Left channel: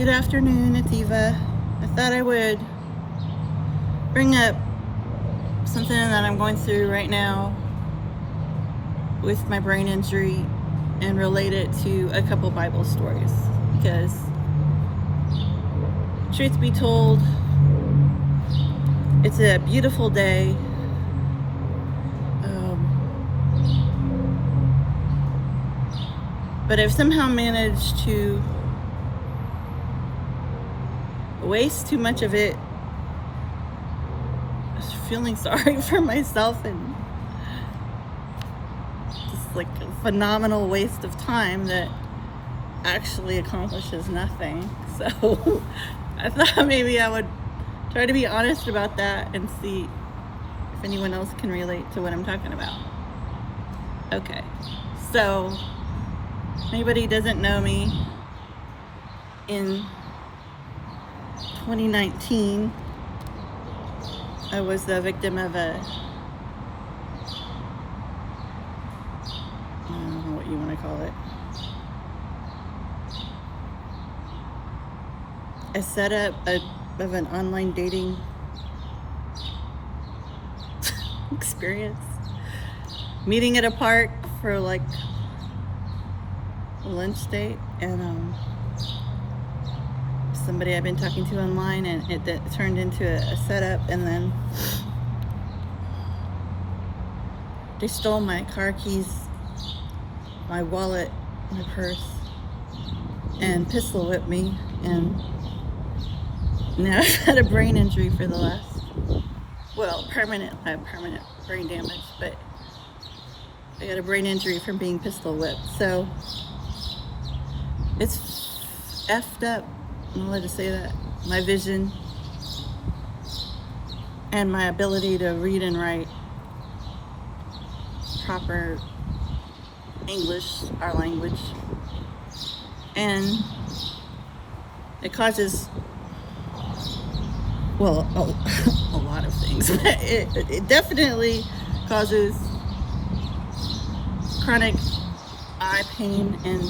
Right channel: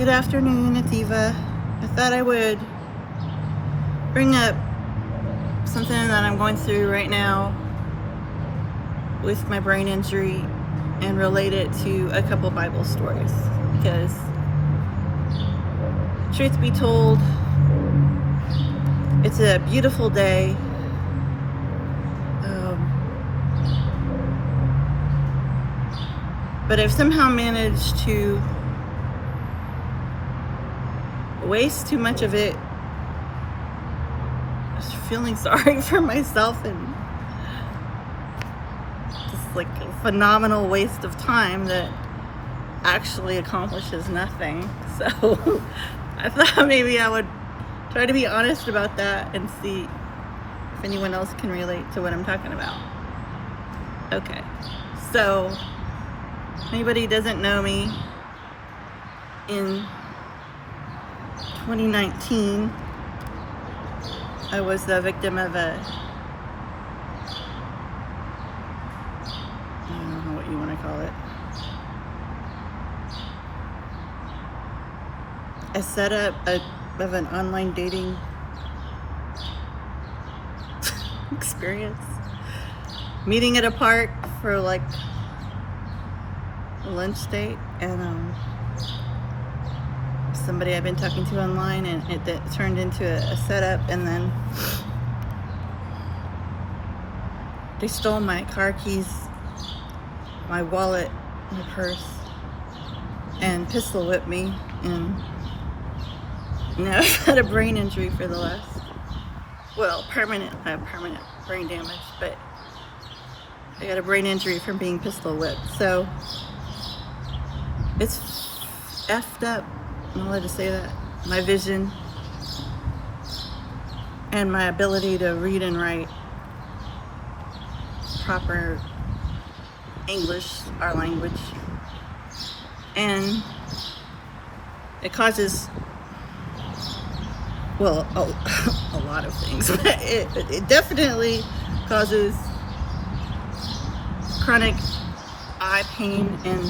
Good afternoon, it's Eva. I thought I would bring up something that I'm going through right now with my brain injury and relate it to a couple Bible stories, because truth be told, it's a beautiful day. But I've somehow managed to waste too much of it just feeling sorry for myself, and just like a phenomenal waste of time that actually accomplishes nothing. So I thought maybe I would try to be honest about that and see if anyone else can relate to what I'm talking about. Okay, so anybody doesn't know me, in 2019 I was the victim of I don't know what you want to call it, a setup of an online dating experience, meeting at a park for like a lunch date, and somebody I've been talking to online, and it turned into a setup, and then they stole my car keys, my wallet, my purse, and pistol whipped me, and now I've had a brain injury for the last, permanent brain damage, but I got a brain injury from being pistol whipped. So it's effed up, I'm allowed to say that. My vision and my ability to read and write proper English, our language, and it causes, a lot of things. It definitely causes chronic eye pain, and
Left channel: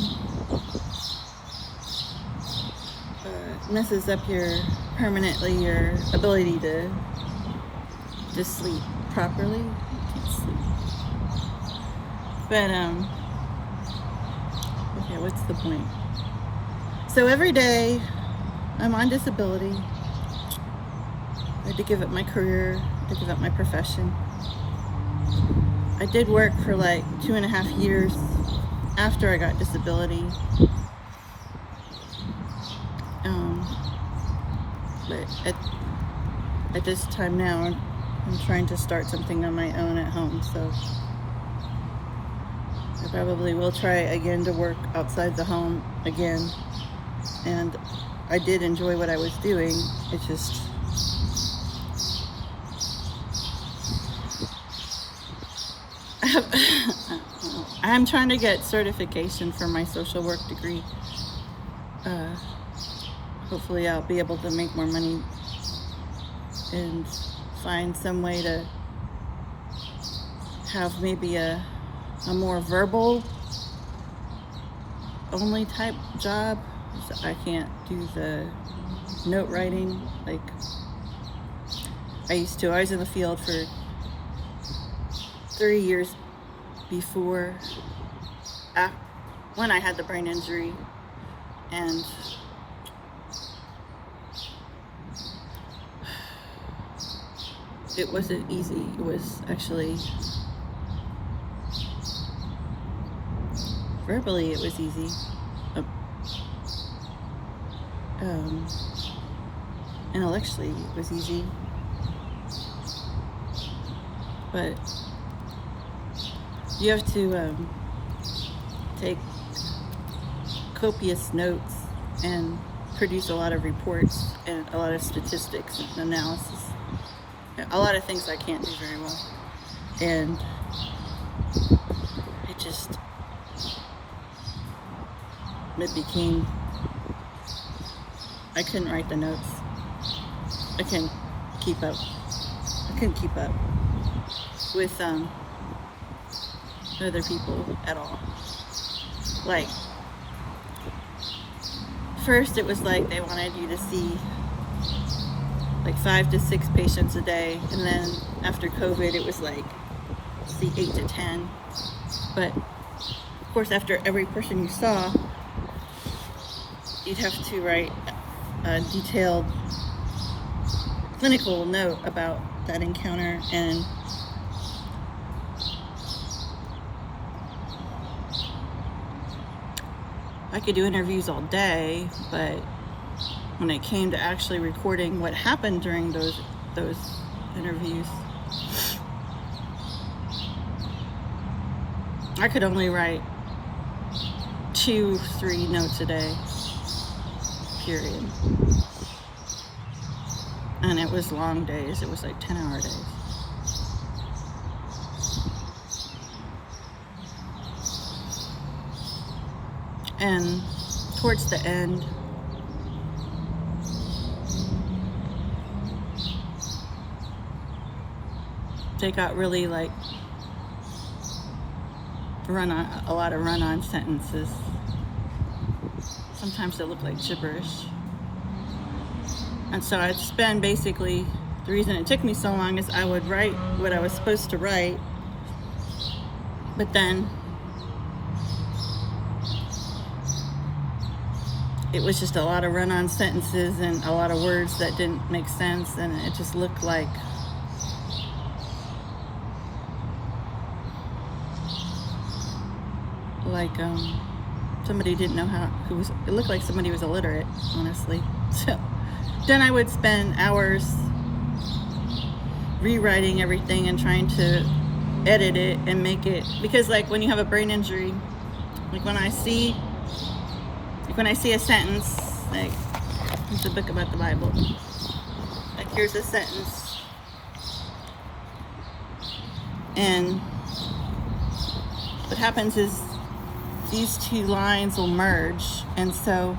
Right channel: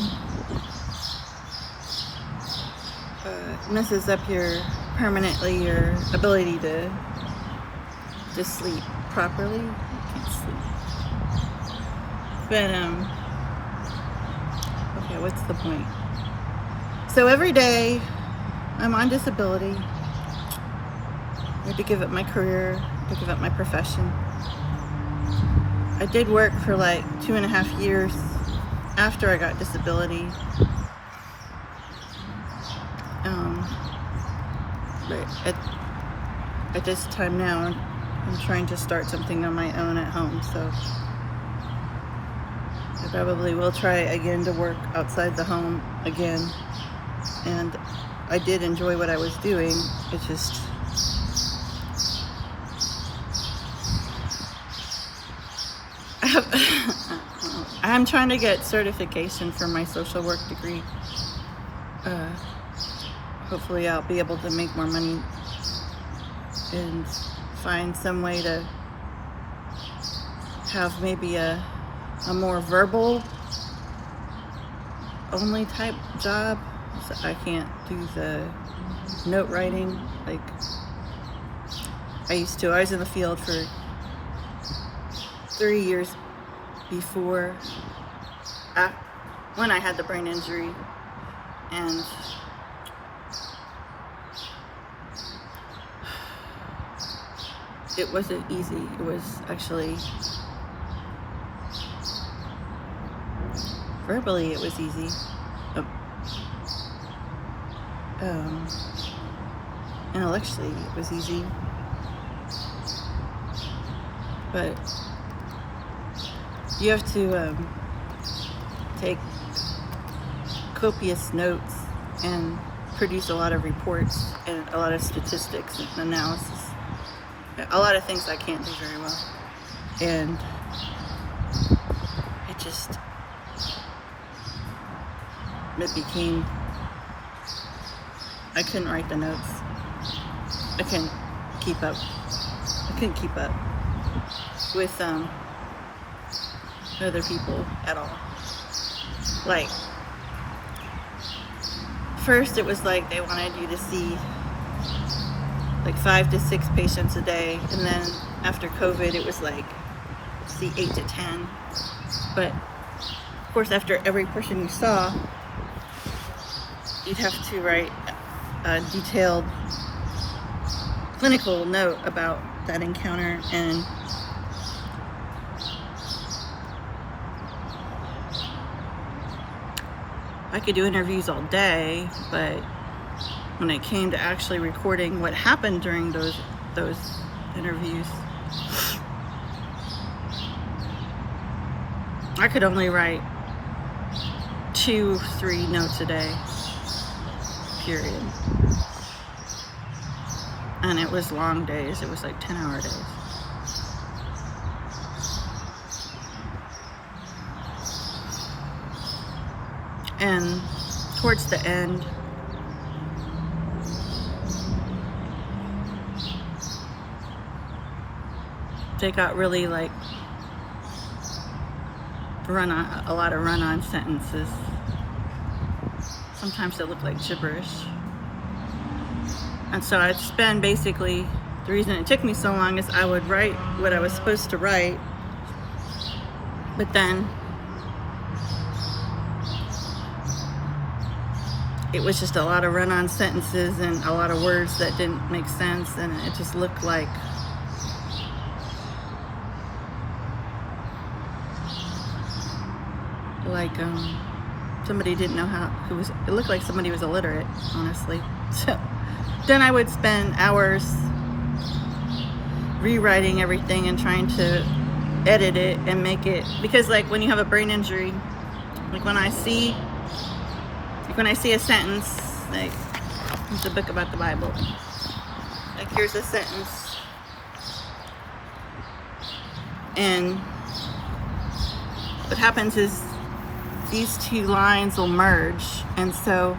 messes up permanently your ability to sleep properly. You can't sleep. But okay, what's the point? So every day I'm on disability. I had to give up my career, to give up my profession. I did work for like 2.5 years after I got disability. But at this time now, I'm trying to start something on my own at home, so I probably will try again to work outside the home again. And I did enjoy what I was doing. It's just I'm trying to get certification for my social work degree. Hopefully I'll be able to make more money and find some way to have maybe a more verbal only type job. So I can't do the note writing like I used to. I was in the field for 3 years before, when I had the brain injury, and it wasn't easy. It was actually, verbally it was easy. Intellectually it was easy. But you have to take copious notes and produce a lot of reports and a lot of statistics and analysis. A lot of things I can't do very well. And it became, I couldn't write the notes. I couldn't keep up with other people at all. Like, first it was like they wanted you to see like 5 to 6 patients a day, and then after COVID it was like see 8 to 10. But of course, after every person you saw, you'd have to write a detailed clinical note about that encounter. And I could do interviews all day, but when it came to actually recording what happened during those interviews, I could only write 2-3 notes a day, period. And it was long days. It was like 10-hour days. And towards the end, they got really like a lot of run-on sentences. Sometimes they look like gibberish. And so I'd spend basically, the reason it took me so long is I would write what I was supposed to write, but then it was just a lot of run-on sentences and a lot of words that didn't make sense, and it just looked like somebody didn't know how, it looked like somebody was illiterate, honestly. So then I would spend hours rewriting everything and trying to edit it and make it, because like when you have a brain injury, like when I see a sentence, like it's a book about the Bible, like here's a sentence, and what happens is these 2 lines will merge, and so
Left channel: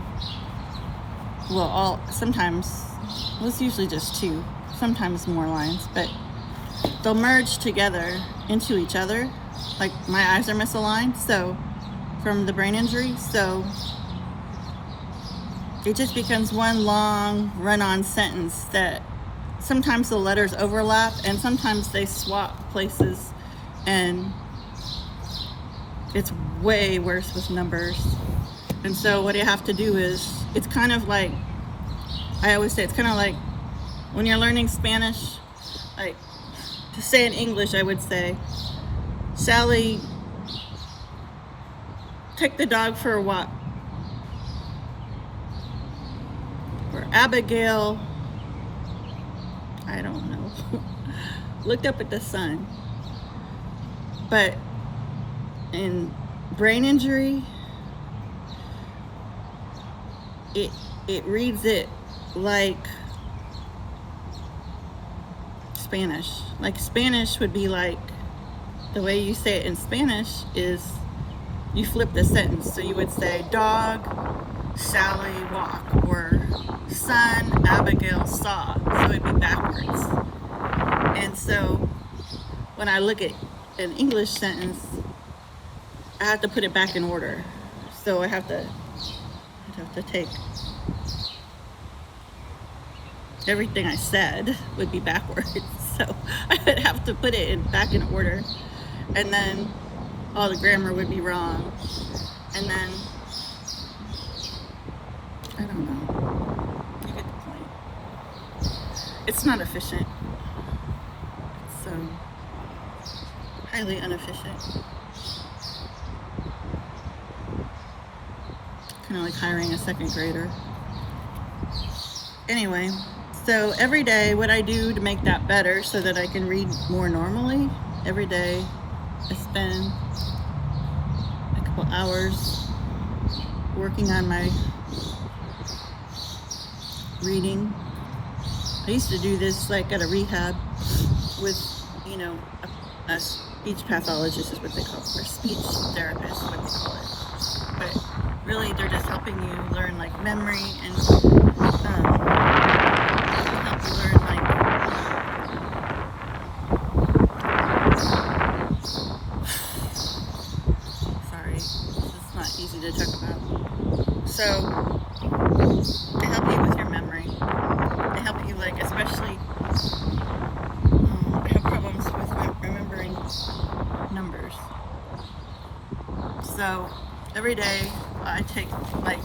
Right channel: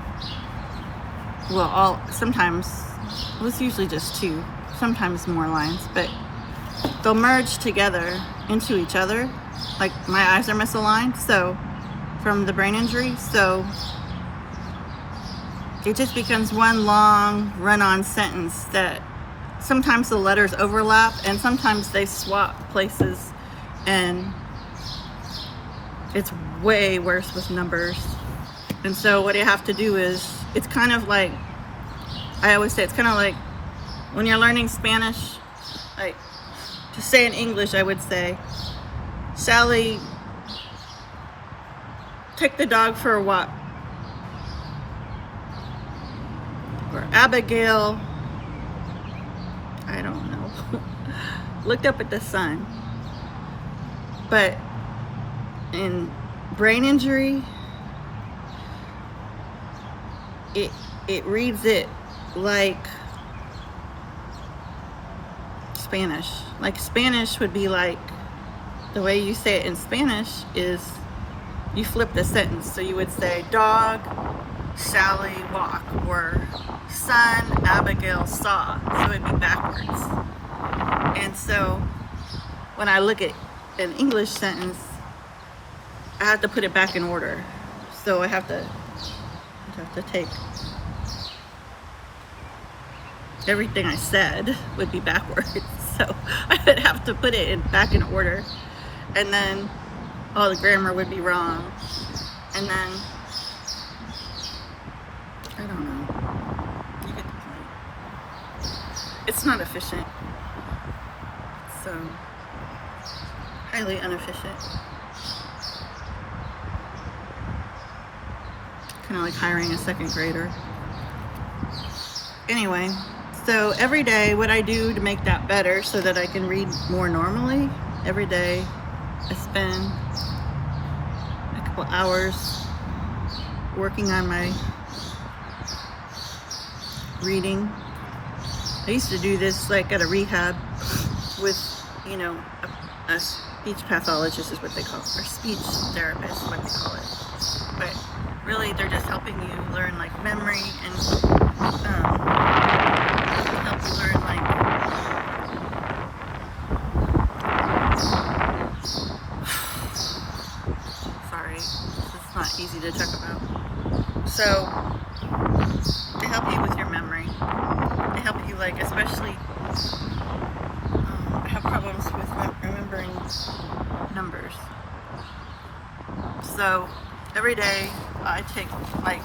sometimes, it's usually just 2, sometimes more lines, but they'll merge together into each other. Like my eyes are misaligned, so from the brain injury, so it just becomes one long run-on sentence that sometimes the letters overlap and sometimes they swap places, and it's way worse with numbers. And so what you have to do is, it's kind of like, I always say, it's kind of like when you're learning Spanish, like to say in English, I would say, Sally, take the dog for a walk. Or Abigail, I don't know, looked up at the sun. But in brain injury, it reads it like Spanish. Like Spanish would be like, the way you say it in Spanish is you flip the sentence. So you would say, dog, Sally, walk, or son, Abigail, saw. So it'd be backwards. And so when I look at an English sentence, I have to put it back in order. So I have to take everything I said would be backwards. So I would have to put it back in order. And then all the grammar would be wrong. And then, I don't know. You get the point. It's not efficient. So, highly inefficient. Kind of like hiring a second grader. Anyway, so every day what I do to make that better so that I can read more normally, every day I spend a couple hours working on my reading. I used to do this like at a rehab with, you know, a speech pathologist is what they call it, or speech therapist is what they call it. But really they're just helping you learn like memory and help you learn like sorry, it's not easy to talk about. So They help you with your memory. They help you, like, especially, I have problems with remembering numbers. So every day I take, like,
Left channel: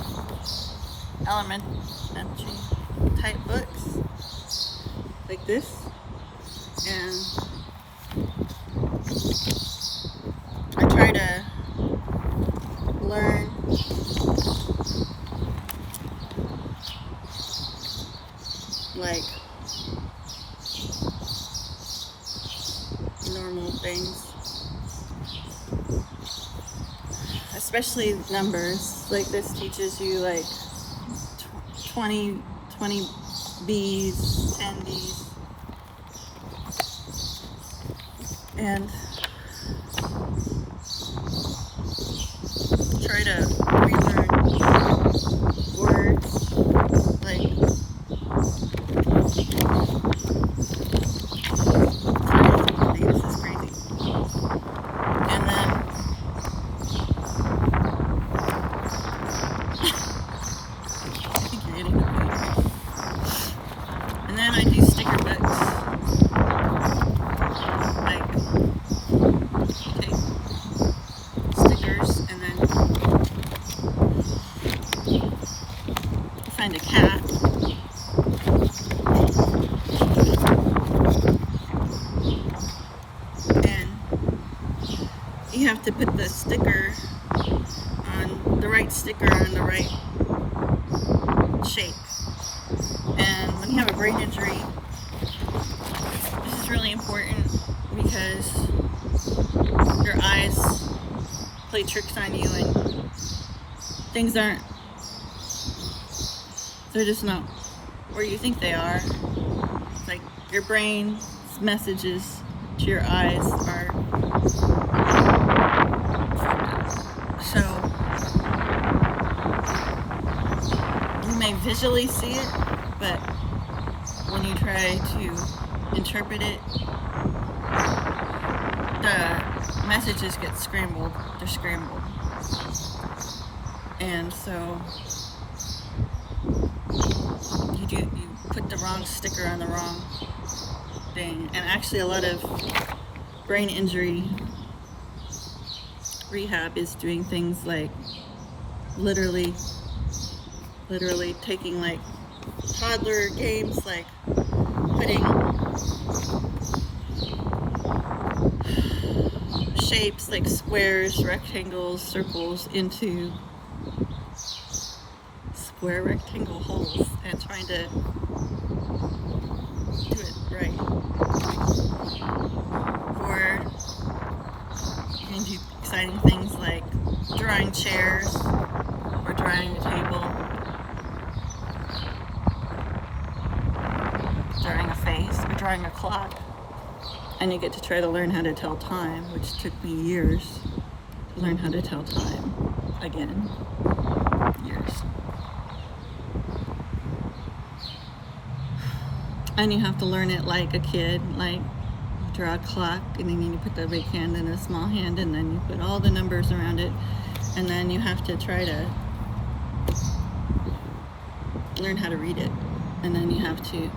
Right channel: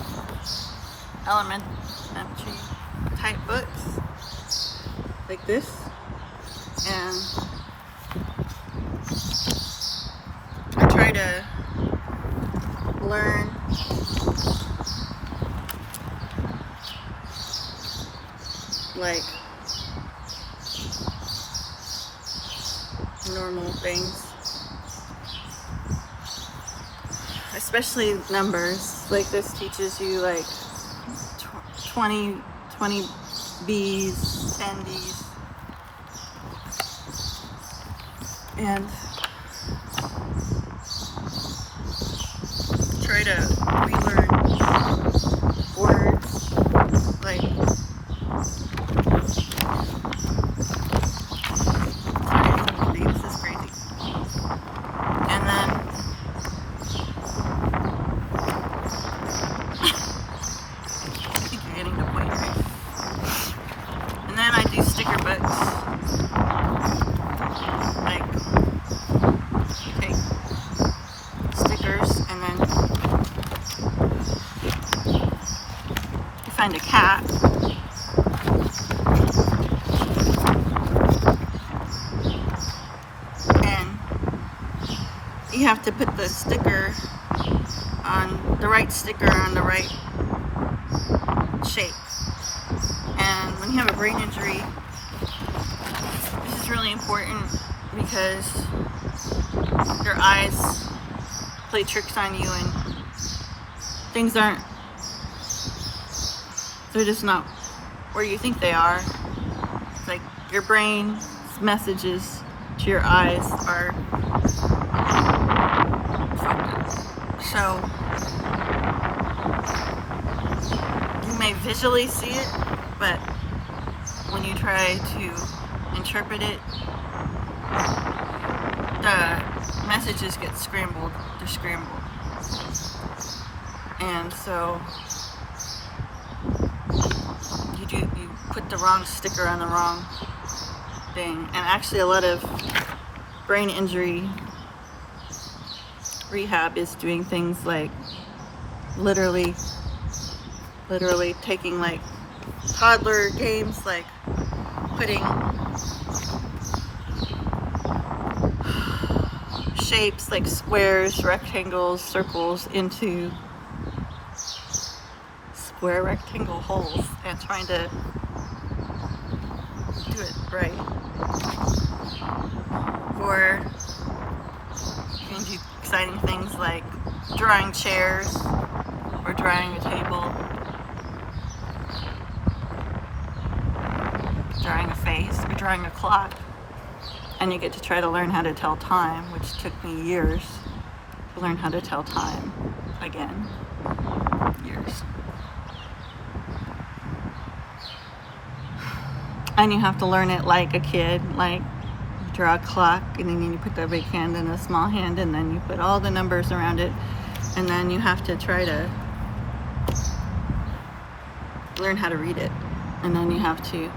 elementary type books like this, and I try to learn like normal things, especially numbers. Like this teaches you like 20 B's, 10 D's, and try to relearn words like this is crazy. And then and then I do sticker books. Like take stickers and then find a cat. And you have to put the sticker on the right shape. And when you have a brain injury, this is really important because your eyes play tricks on you and things they're just not where you think they are. It's like your brain's messages to your eyes are so you may visually see it, but when you try to interpret it, the messages get scrambled. They're scrambled. And so you put the wrong sticker on the wrong thing. And actually a lot of brain injury rehab is doing things like literally taking like toddler games, like putting shapes like squares, rectangles, circles into square rectangle holes and trying to do it right. Or you can do exciting things like drawing chairs or drawing a table, drawing a face, or drawing a clock. And you get to try to learn how to tell time, which took me years to learn how to tell time again. Years. And you have to learn it like a kid, like you draw a clock and then you put the big hand and the small hand and then you put all the numbers around it, and then you have to try to learn how to read it, and then you have to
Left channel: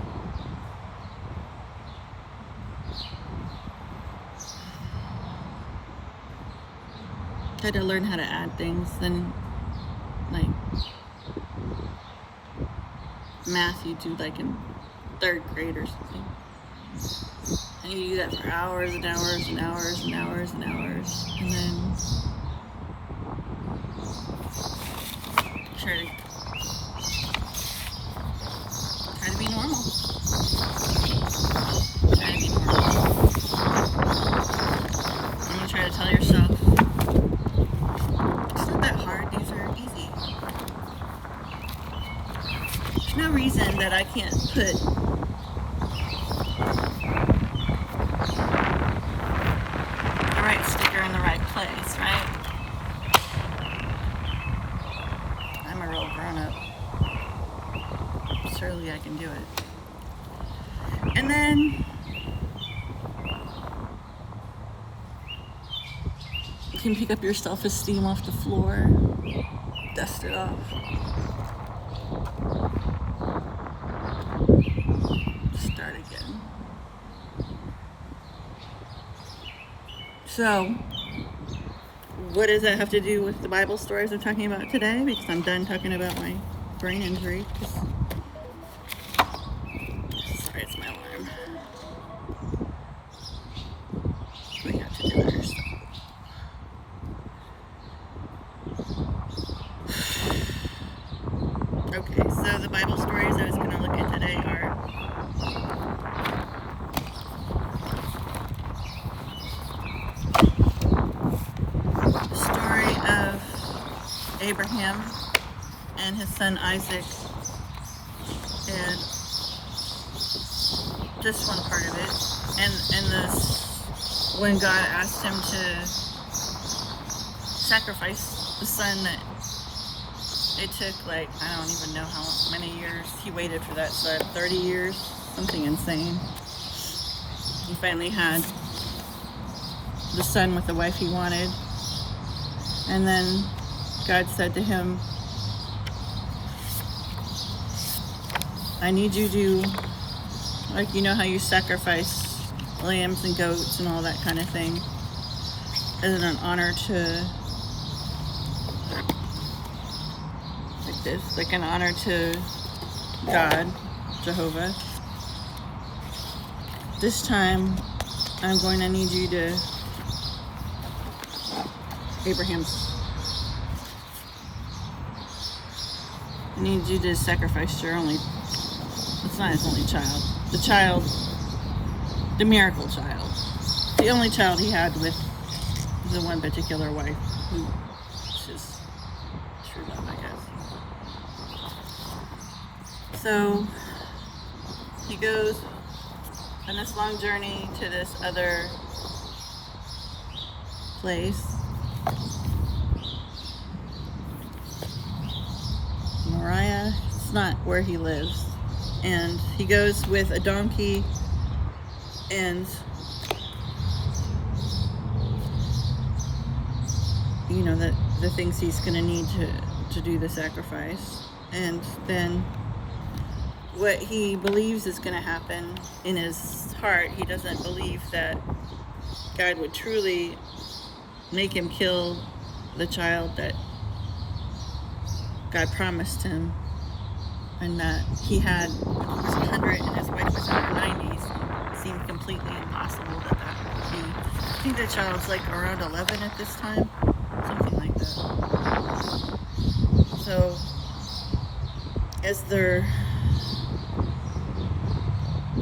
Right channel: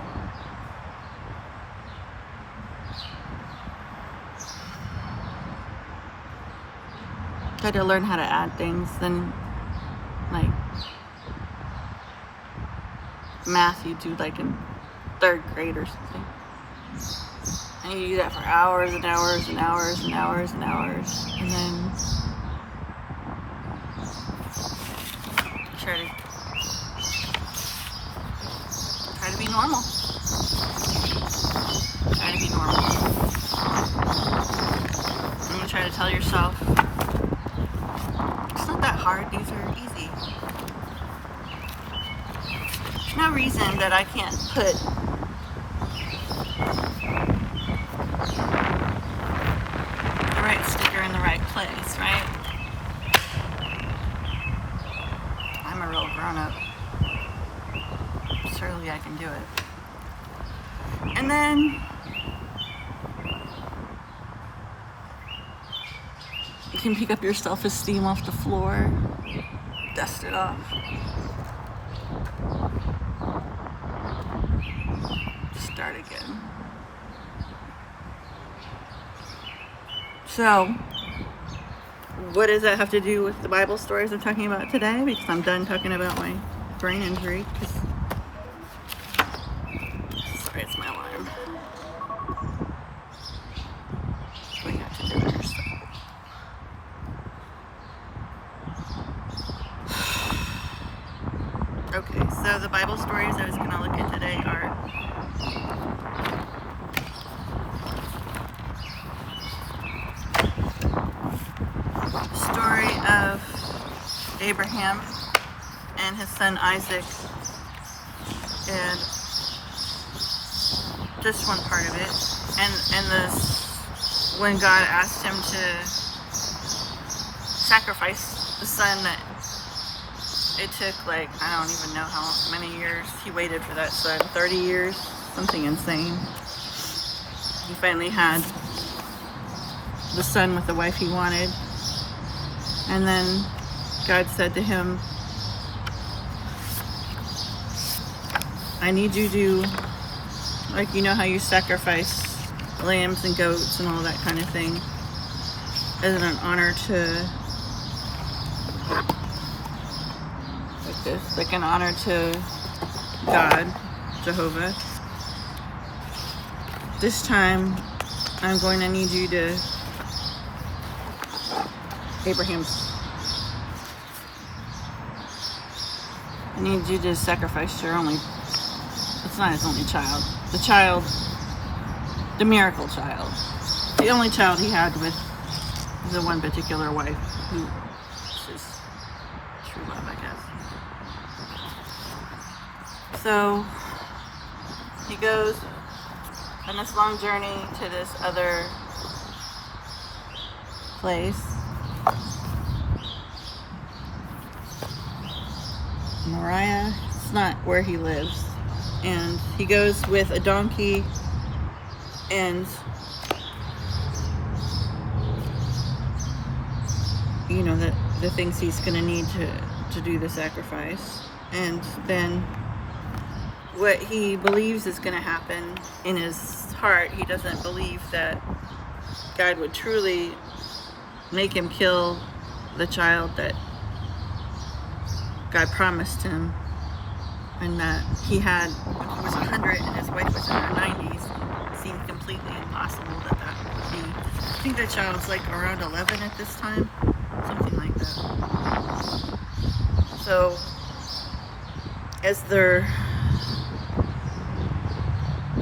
try to learn how to add things. Then like math you do like in 3rd grade or something, and you do that for hours and hours and hours and hours and hours, and then try to be normal. Try to be normal. And you try to tell yourself it's not that hard, these are easy. There's no reason that I can't put the right sticker in the right place, right? I'm a real grown-up. Surely I can do it. And then you can pick up your self-esteem off the floor, dust it off. start again. So, what does that have to do with the Bible stories I'm talking about today? Because I'm done talking about my brain injury. Sorry, it's my alarm. We have to do other stuff. Okay, so the Bible stories I was going to look at today are the story of Abraham and his son Isaac, and just one part of it, and this when God asked him to sacrifice the son that it took, like, I don't even know how many years he waited for that son, 30 years, something insane. He finally had the son with the wife he wanted, and then God said to him, I need you to, like, you know how you sacrifice lambs and goats and all that kind of thing as an honor to, like this, like an honor to God, Jehovah. This time, I'm going to need you to, I need you to sacrifice your only, it's not his only child, the miracle child, the only child he had with the one particular wife, who is his true love, I guess. So he goes on this long journey to this other place, Moriah. It's not where he lives, and he goes with a donkey and, you know, the things he's going to need to do the sacrifice. And then what he believes is going to happen in his heart, he doesn't believe that God would truly make him kill the child that God promised him, and that he had when he was 100 and his wife was in her 90s. Seemed completely impossible that would be. I think the child's like around 11 at this time, something like that. So as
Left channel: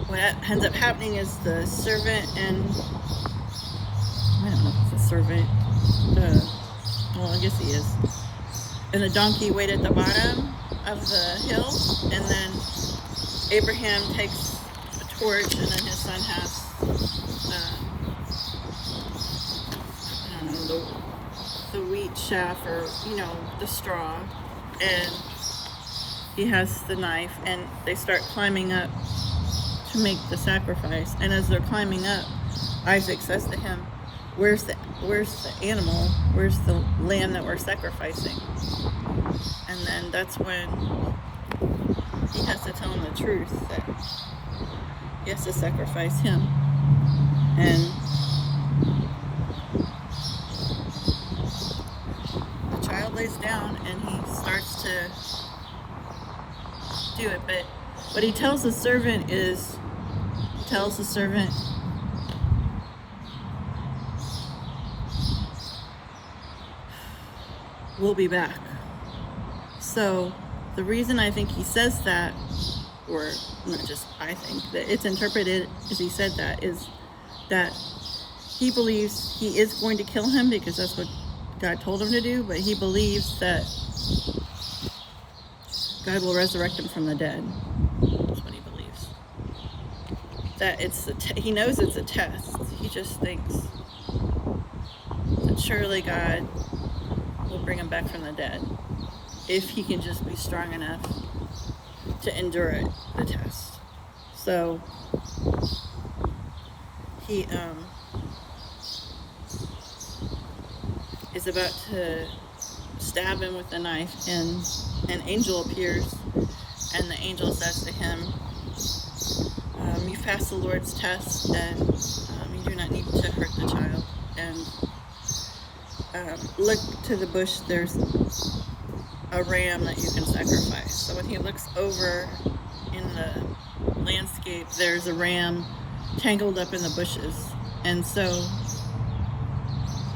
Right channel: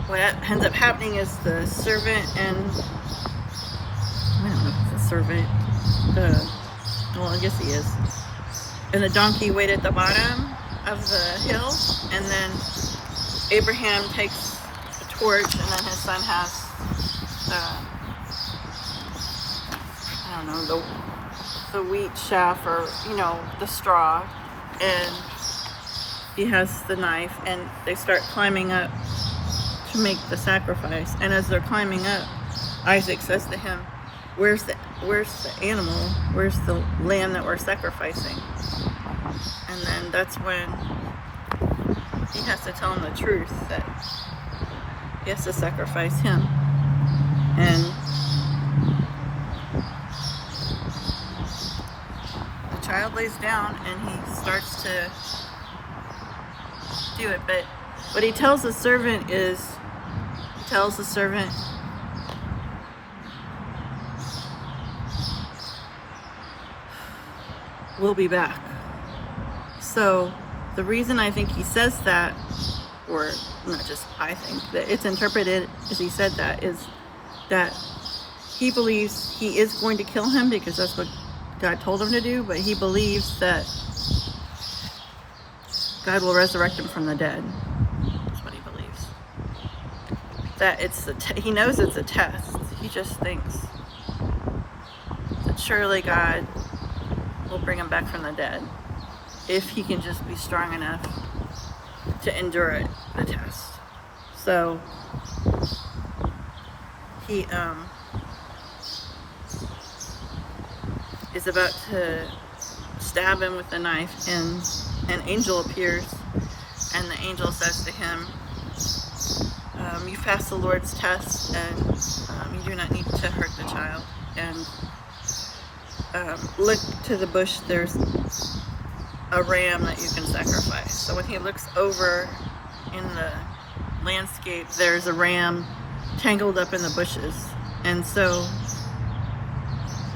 what ends up happening is the servant and, I don't know if it's a servant, well, I guess he is, and the donkey wait at the bottom of the hill, and then Abraham takes a torch, and then his son has, I don't know, the wheat chaff, or, you know, the straw, and he has the knife, and they start climbing up to make the sacrifice. And as they're climbing up, Isaac says to him, where's the animal? Where's the lamb that we're sacrificing? And then that's when he has to tell him the truth, that he has to sacrifice him. And the child lays down and he starts to do it. But what he tells the servant is, we'll be back. So the reason I think he says that, or not just I think, that it's interpreted as he said that, is that he believes he is going to kill him because that's what God told him to do, but he believes that God will resurrect him from the dead. That's what he believes. That he knows it's a test. He just thinks that surely God will bring him back from the dead if he can just be strong enough to endure the test. So he is about to stab him with the knife, and an angel appears, and the angel says to him, you passed the Lord's test, and you do not need to hurt the child. And look to the bush, there's a ram that you can sacrifice. So when he looks over in the landscape, there's a ram tangled up in the bushes. And so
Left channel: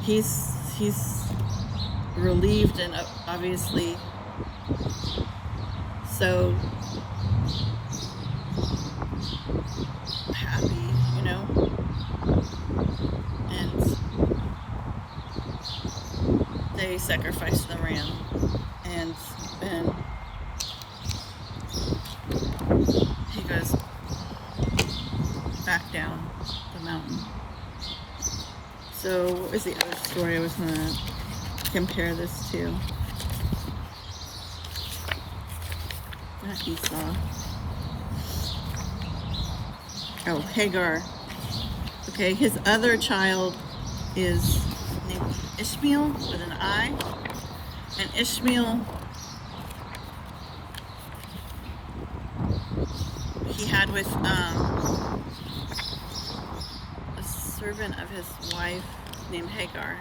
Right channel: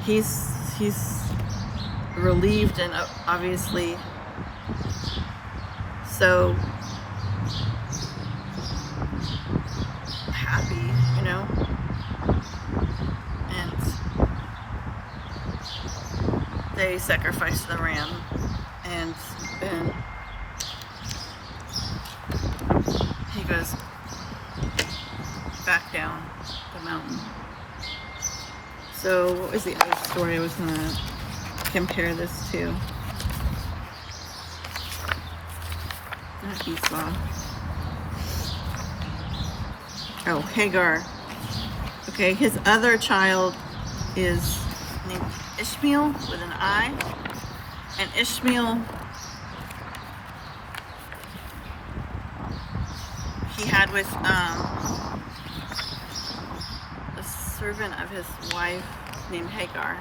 he's relieved and obviously so happy, you know, and they sacrifice the ram, and he goes back down the mountain. So what was the other story I was going to compare this to? Not Esau. Oh, Hagar. Okay, his other child is named Ishmael with an I. And Ishmael, he had with a servant of his wife named Hagar.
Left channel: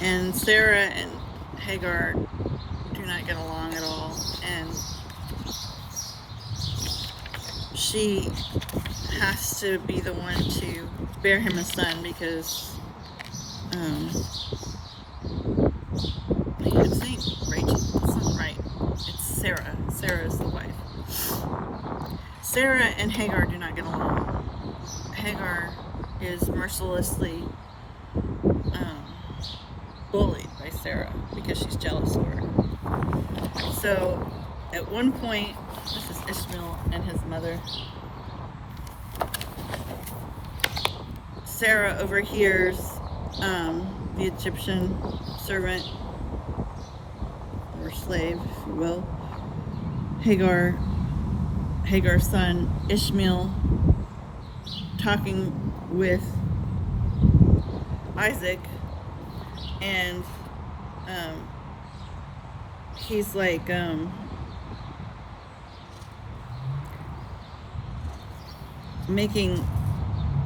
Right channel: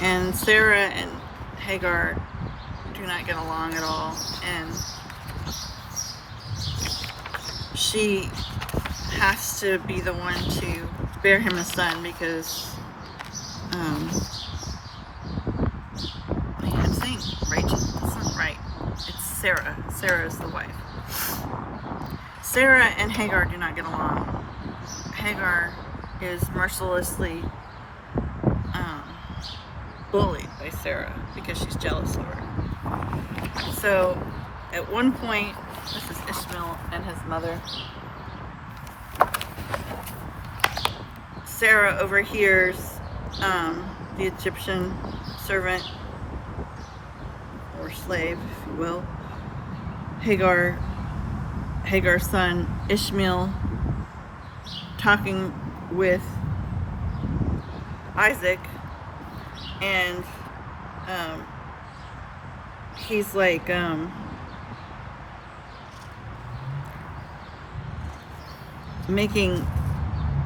And Sarah and Hagar do not get along at all. And she has to be the one to bear him a son because I think Rachel, that's not right. It's Sarah. Sarah is the wife. Sarah and Hagar do not get along. Hagar is mercilessly bullied by Sarah because she's jealous of her. So at one point, this is Ishmael and his mother. Sarah overhears the Egyptian servant or slave, if you will, Hagar's son Ishmael, talking with Isaac, and he's like making,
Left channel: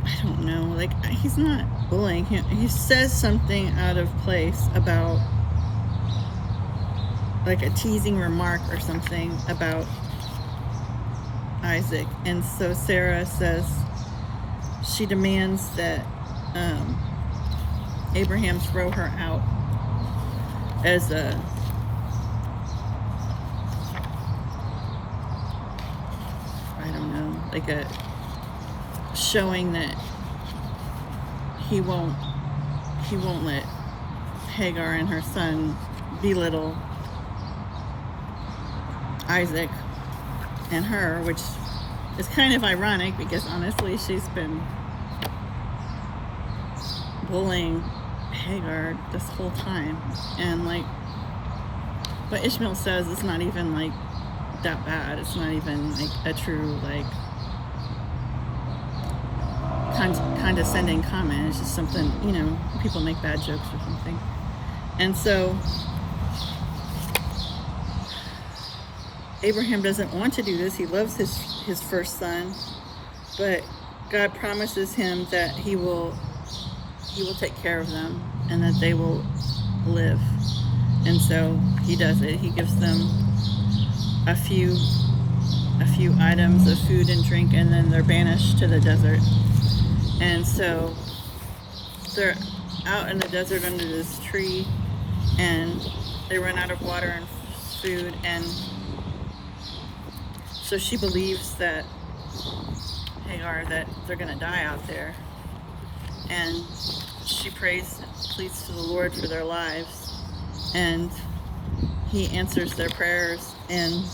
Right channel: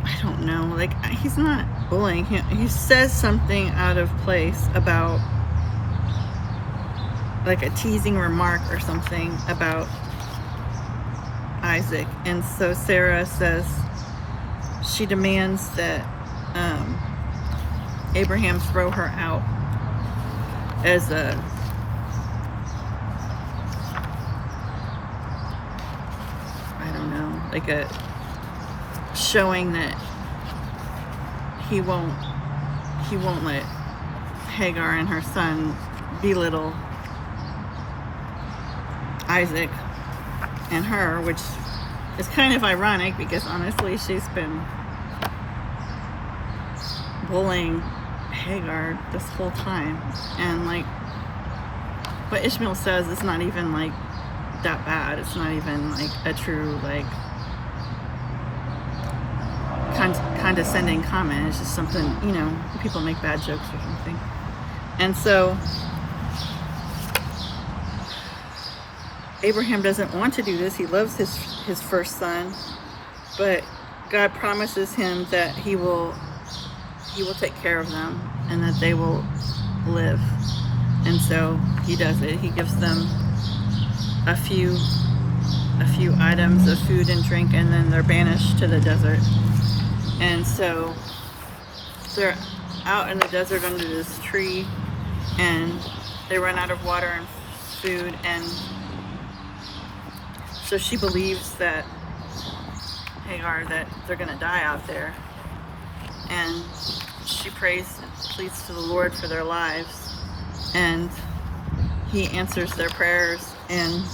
I don't know, like, he's not bullying him. He says something out of place about, like, a teasing remark or something about Isaac. And so Sarah says, she demands that Abraham throw her out as a like a showing that he won't let Hagar and her son belittle Isaac and her, which is kind of ironic because honestly she's been bullying Hagar this whole time, and like what Ishmael says is not even like that bad. It's not even like a true like condescending comment. It's just something, you know, people make bad jokes or something. And so Abraham doesn't want to do this. He loves his first son, but God promises him that he will take care of them and that they will live. And so he does it. He gives them a few items of food and drink, and then they're banished to the desert. And so they're out in the desert under this tree, and they run out of water and food, and so she believes that Hagar, that they're going to die out there, and she pleads to the Lord for their lives, and he answers their prayers, and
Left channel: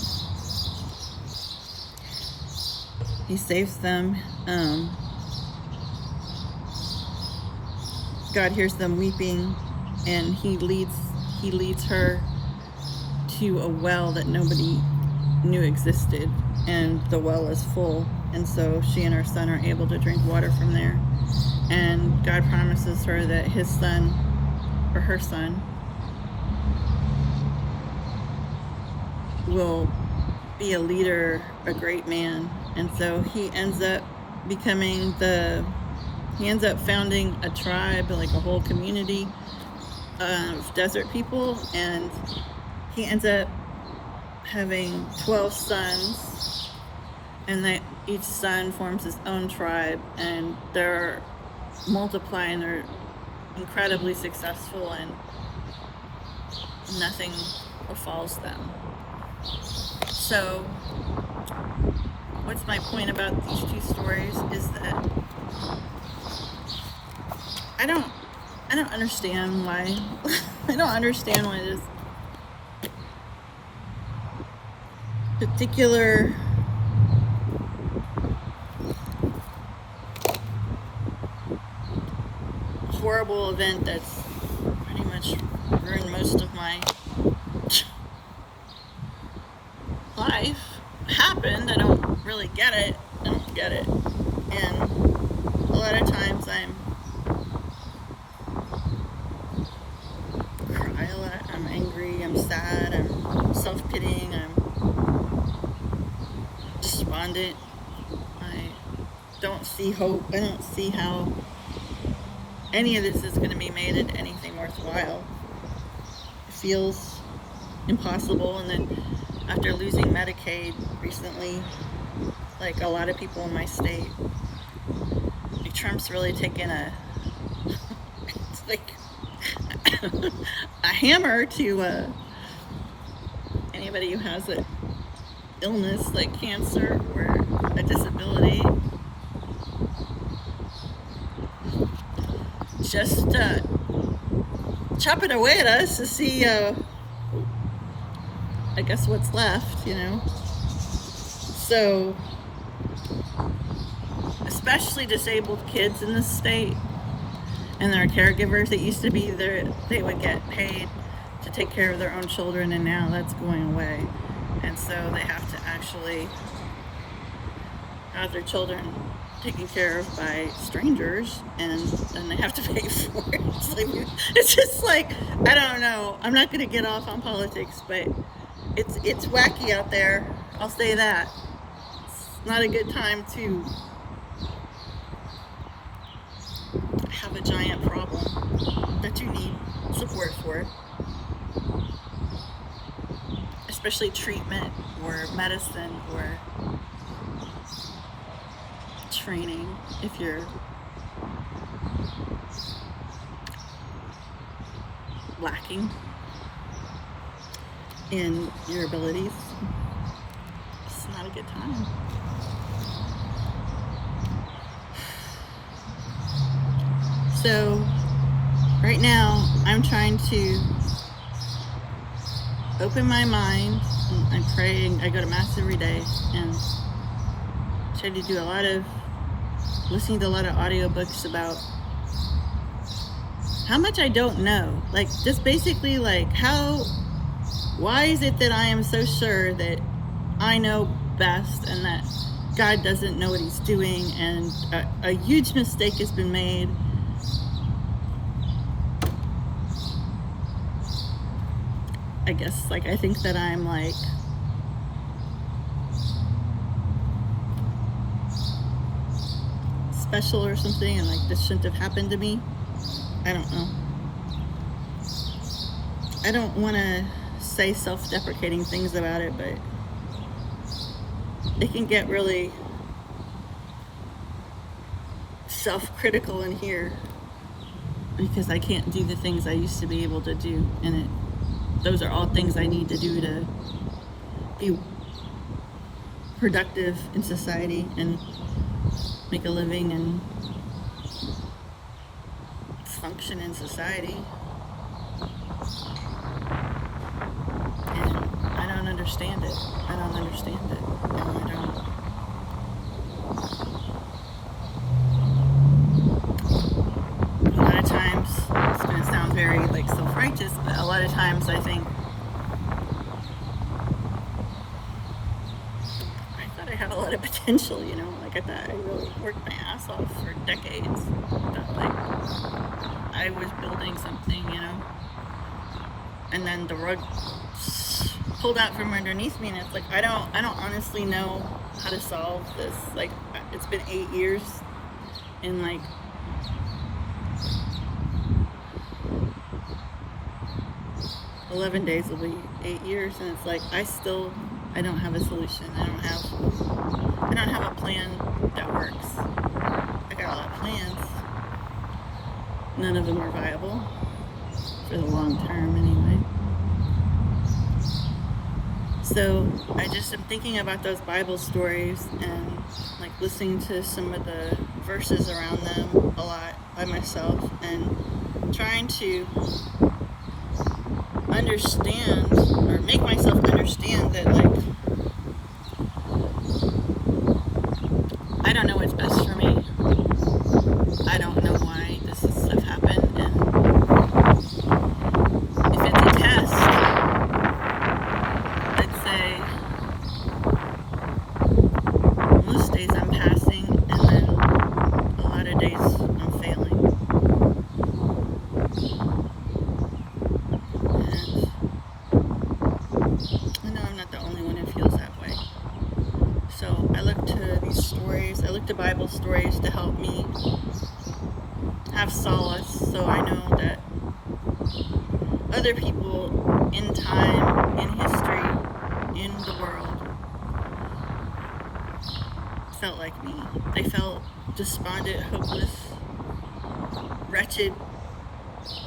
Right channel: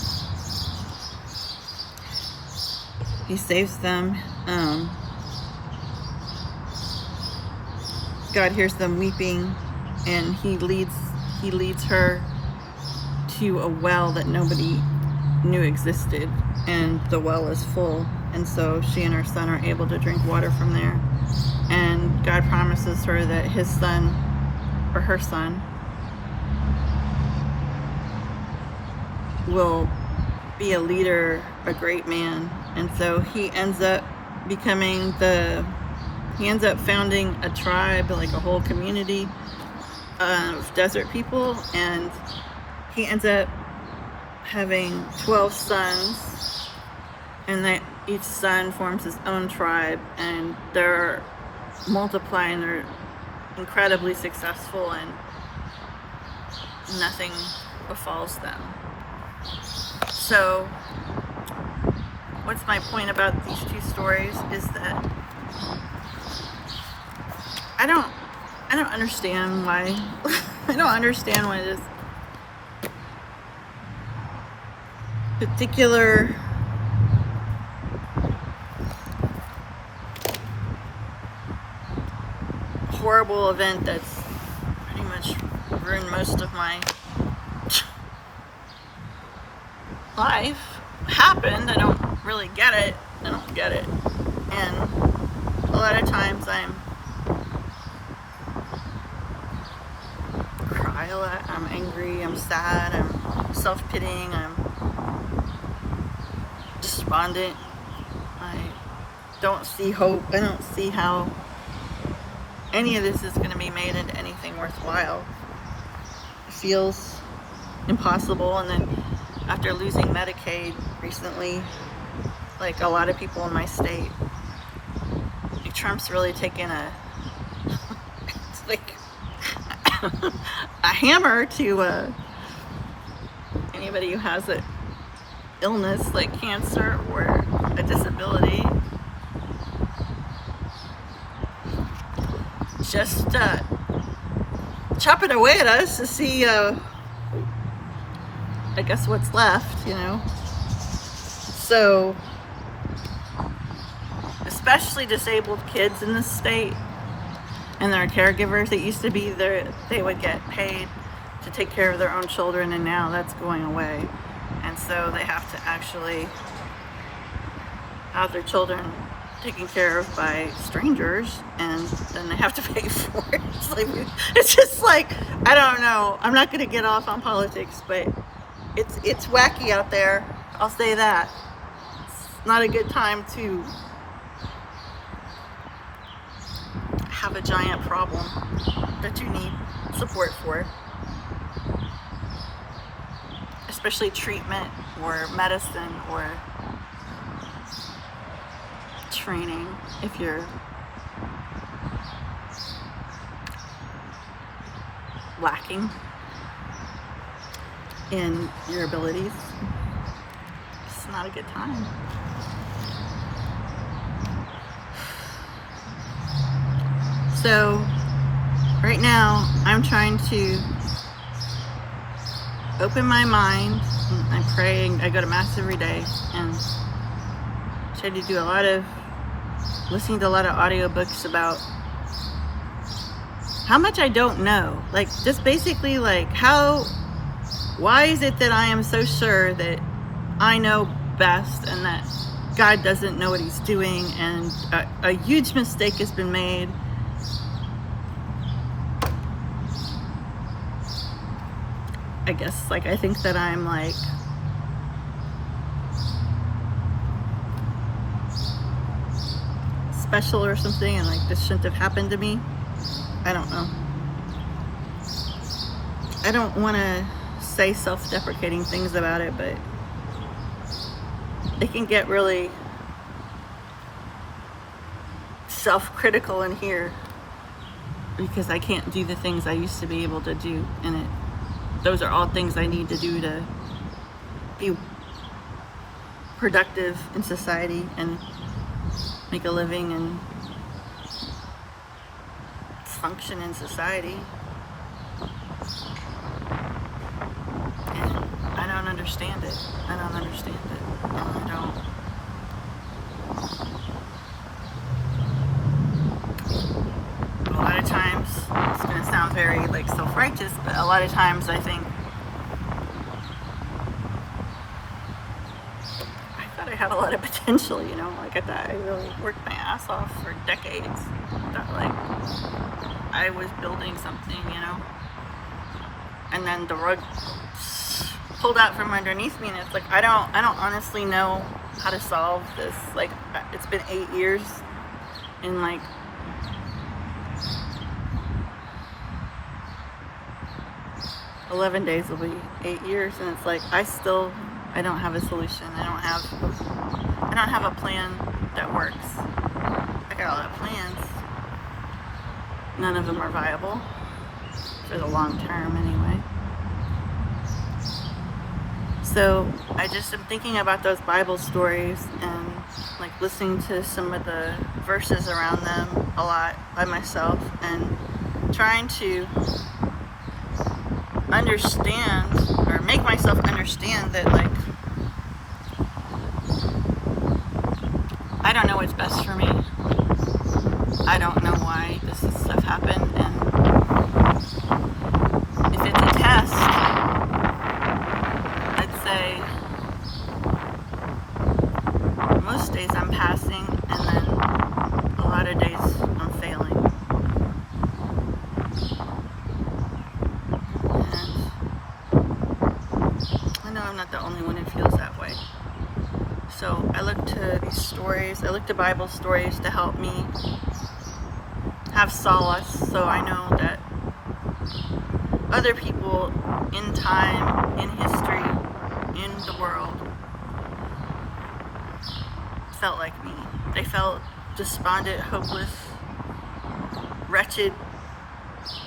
he saves them. God hears them weeping, and he leads her to a well that nobody knew existed, and the well is full, and so she and her son are able to drink water from there. And God promises her that his son, or her son, will be a leader, a great man. And so he ends up founding a tribe, like a whole community of desert people, and he ends up having 12 sons, and that each son forms his own tribe, and they're multiplying, they're incredibly successful, and nothing befalls them. So what's my point about these two stories is that I don't understand why I don't understand why this particular horrible event that's pretty much ruined most of my life happened. I don't really get it. And a lot of times I'm angry, I'm sad, I'm self-pitying, I'm despondent. I don't see hope. I don't see how any of this is going to be made into anything worthwhile. It feels impossible. And then after losing Medicaid recently, like a lot of people in my state, like Trump's really taken it's like a hammer to anybody who has an illness like cancer or a disability. Just chopping away at us to see, I guess, what's left, So, especially disabled kids in this state and their caregivers, it used to be they would get paid to take care of their own children, and now that's going away. And so they have to actually have their children taken care of by strangers, and then they have to pay for it. It's just like, I don't know. I'm not going to get off on politics, but it's wacky out there. I'll say that. It's not a good time to have a giant problem that you need support for, especially treatment or medicine or training. If you're lacking in your abilities, it's not a good time. So right now I'm trying to open my mind, and I'm praying. I go to Mass every day and try to do listening to a lot of audiobooks about how much I don't know. Like, just basically, like, why is it that I am so sure that I know best and that God doesn't know what he's doing, and a huge mistake has been made. I guess, like, I think that I'm, like, special or something, and, like, this shouldn't have happened to me. I don't know. I don't want to say self-deprecating things about it, but it can get really self-critical in here because I can't do the things I used to be able to do, and those are all things I need to do to be productive in society and make a living and function in society. And I don't understand it. And a lot of times, it's going to sound very, like, self-righteous, but a lot of times I think I had a lot of potential, like, I thought I really worked my ass off for decades. I thought, like, I was building something, and then the rug pulled out from underneath me, and it's like I don't honestly know how to solve this. Like, it's been 8 years, and like 11 days will be 8 years, and it's like I don't have a solution. I don't have a plan that works. I got a lot of plans. None of them are viable for the long term anyway. So I just am thinking about those Bible stories and like listening to some of the verses around them a lot by myself, and trying to understand or make myself understand that like I don't know what's best for me. I don't know why this stuff happened, and if it's a test, I'd say most days I'm passing, and then a lot of days I'm failing. And I know I'm not the only one who feels that way. So I look to these stories, I look to Bible stories to help me have solace, so I know that other people in time, in history, in the world felt like me. They felt despondent, hopeless, wretched,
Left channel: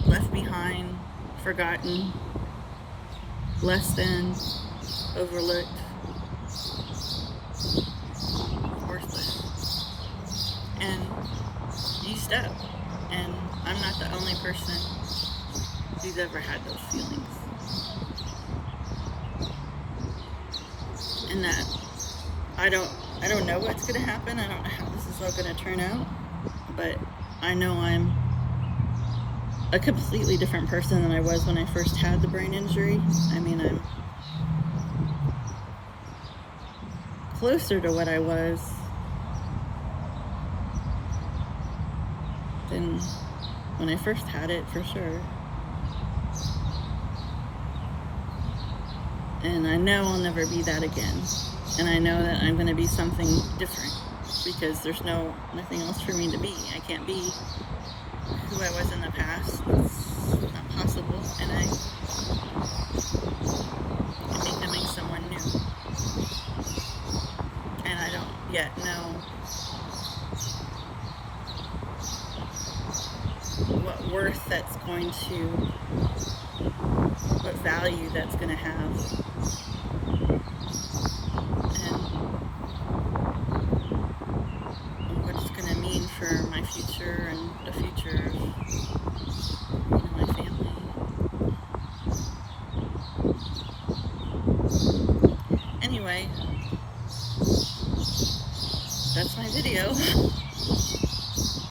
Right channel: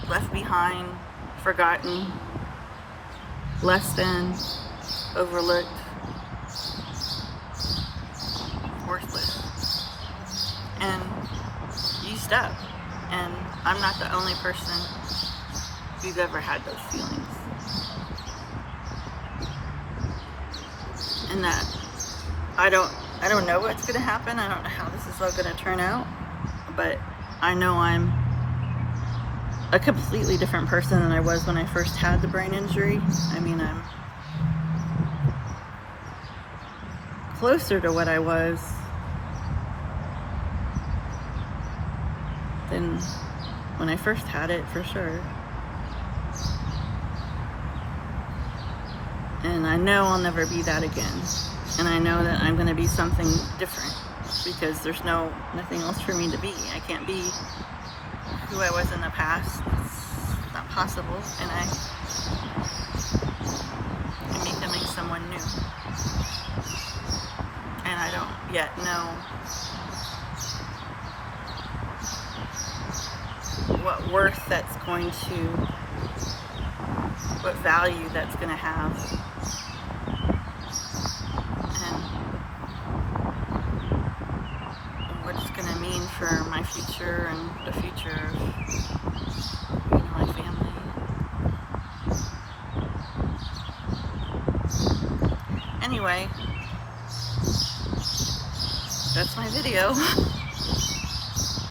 left behind, forgotten, less than, overlooked, worthless, and used up. And I'm not the only person who's ever had those feelings. And that I don't know what's going to happen. I don't know how this is all going to turn out. But I know I'm a completely different person than I was when I first had the brain injury. I mean, I'm closer to what I was than when I first had it, for sure. And I know I'll never be that again. And I know that I'm going to be something different, because there's nothing else for me to be. I can't be who I was in the past. It's not possible. And I'm becoming someone new. And I don't yet know what worth that's going to, what value that's going to have, and what it's going to mean for my future and the future of my family. Anyway, that's my video.